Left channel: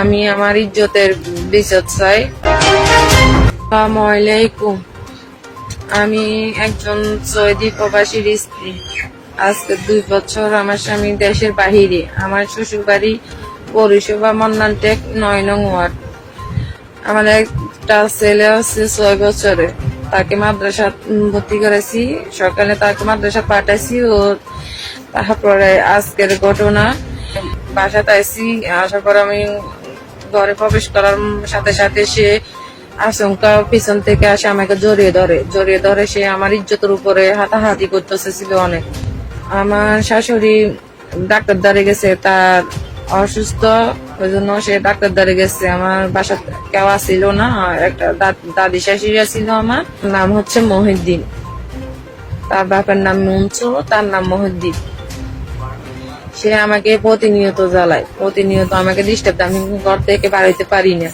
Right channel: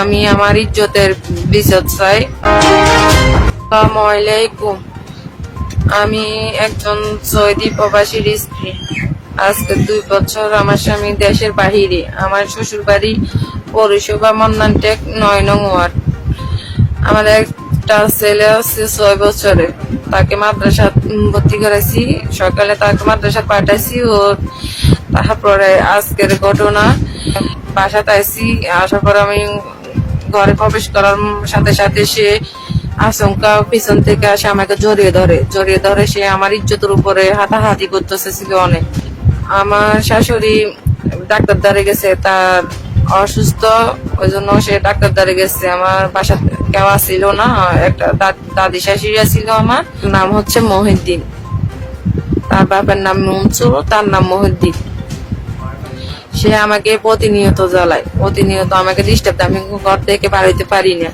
আমি আমার ইজ্জতের বিচার চাই। আসসালামু আলাইকুম। আমি একজন সৌদি প্রবাসীর স্ত্রী। আজকে 2 বছর আমার স্বামী দেশের বাহিরে। আমার শ্বশুর বাড়ি পৌরসভা মন্নানটেক 9 নং ওয়ার্ড। আমার একটা ছেলে আছে 6 বছরে। তাকে মাদ্রাসা ভর্তি করেছি। সকালে তাকে মাদ্রাসা পাঠাচ্ছি। ও তারপরে আজকের ঘটনা, বাসাতে আসি। আসার পর আমি ঘরে প্রবেশ করার সাথে সাথে সে আচমকা পিছন থেকে আসে আমাকে জড়িয়ে ধরে সে আমার ইজ্জতের উপরে হাতাহাতি করতেছে ছিল অনেক। আমার শাশুড়ি ডাক্তার দ্বারে গেছে, তার অসুস্থ, ওই জন্য সে ডাক্তার দ্বারে গেছে। আমার বাসা কেউ ছিল না, একটা দাদি শাশুড়ি ছিল। আমার নাম হচ্ছে মহিউদ্দিন, তার বাবার নাম মনসুর, তার নাম মহিউদ্দিন। সে আমাকে প্রতিনিয়ত জ্বালায়, প্রতিনিয়ত আমাকে ডিস্টার্ব, আমি ঘর থেকে বাড়িতে পারি না।